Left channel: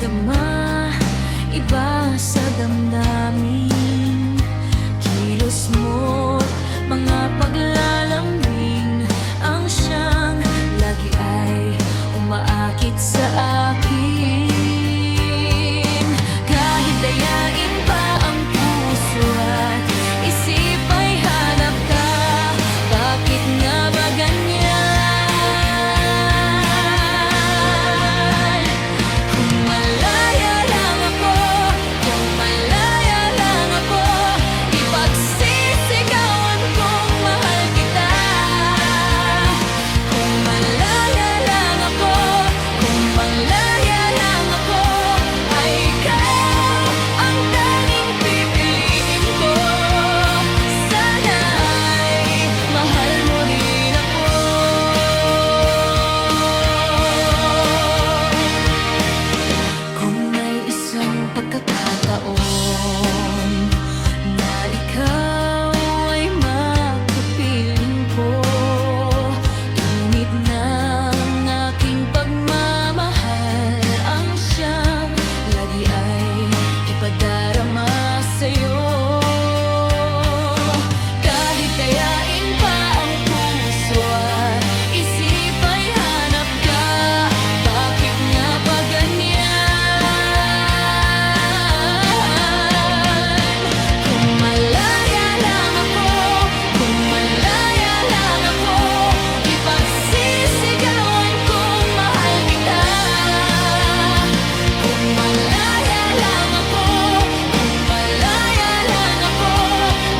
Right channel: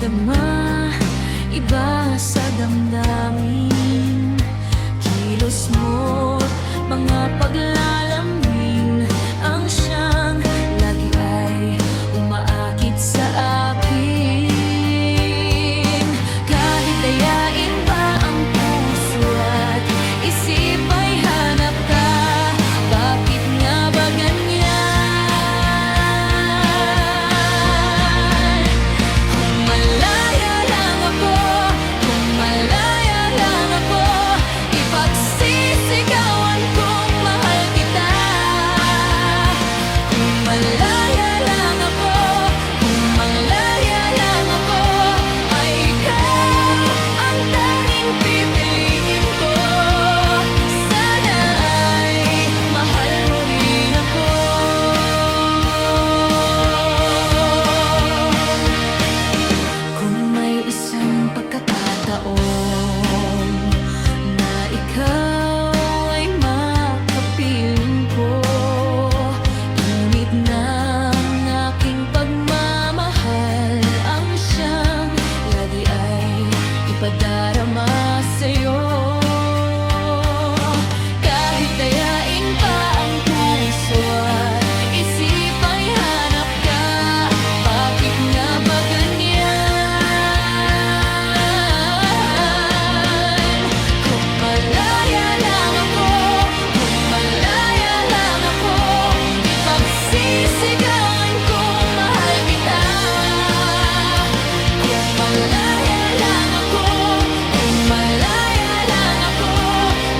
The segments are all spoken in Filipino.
darama, iba sa damdamin. Kilos mo't mga paglalambing ang siyang lagi ay umaakit sa akin. Kahit dayain pa ang puso at isip ay hanap ka, bakit nga ba ganyan? Kung malaya lang ako, kung malaya lang ako, ipagsisigawan kong mahal kita. Kung malaya lang ako, kung malaya lang ako, ay ikaw ang tanging pipiliin ko. Sana ay mahal mo rin ako. Kung may isang pagkakataon na ikaw ay makapiling ko, init ng aking pagmamahal ang siyang lagi ay ipadarama sa'yo. Kahit dayain pa ang puso at isip ay hanap ka, bakit nga ba ganyan? Kung malaya lang ako, kung malaya lang ako, ipagsisigawan kong mahal kita. Kung malaya lang ako, kung malaya lang ako,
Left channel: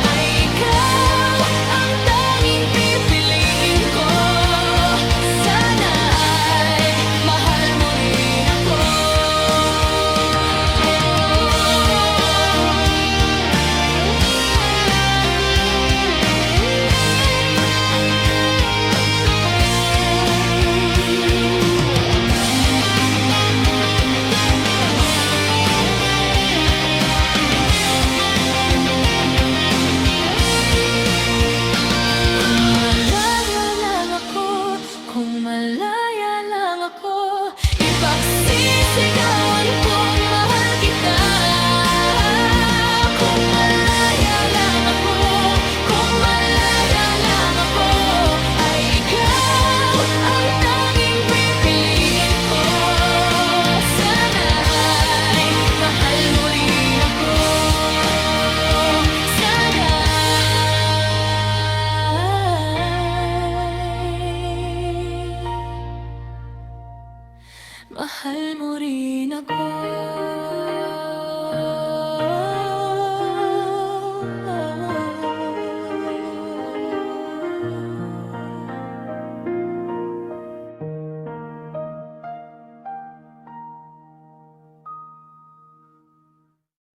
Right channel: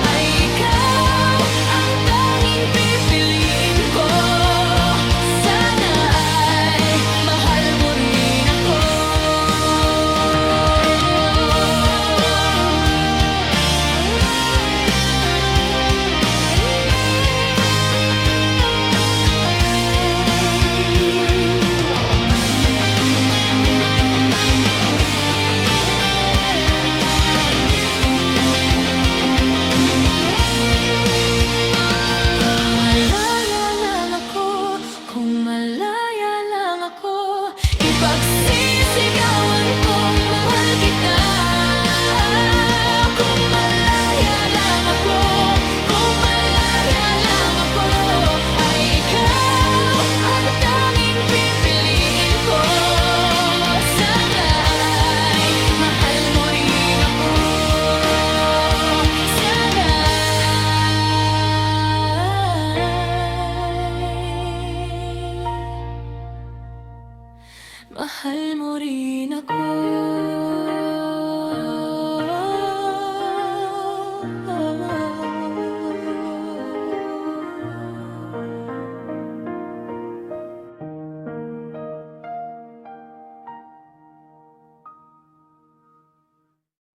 ay ikaw ang tanging pipiliin ko. Sana ay mahal mo rin ako. Kung malaya lang ako, kung malaya lang ako, ipagsisigawan kong mahal kita. Kung malaya lang ako, kung malaya lang ako, ay ikaw ang tanging pipiliin ko. Sana ay mahal mo rin ako. Sana ay mahal mo rin ako.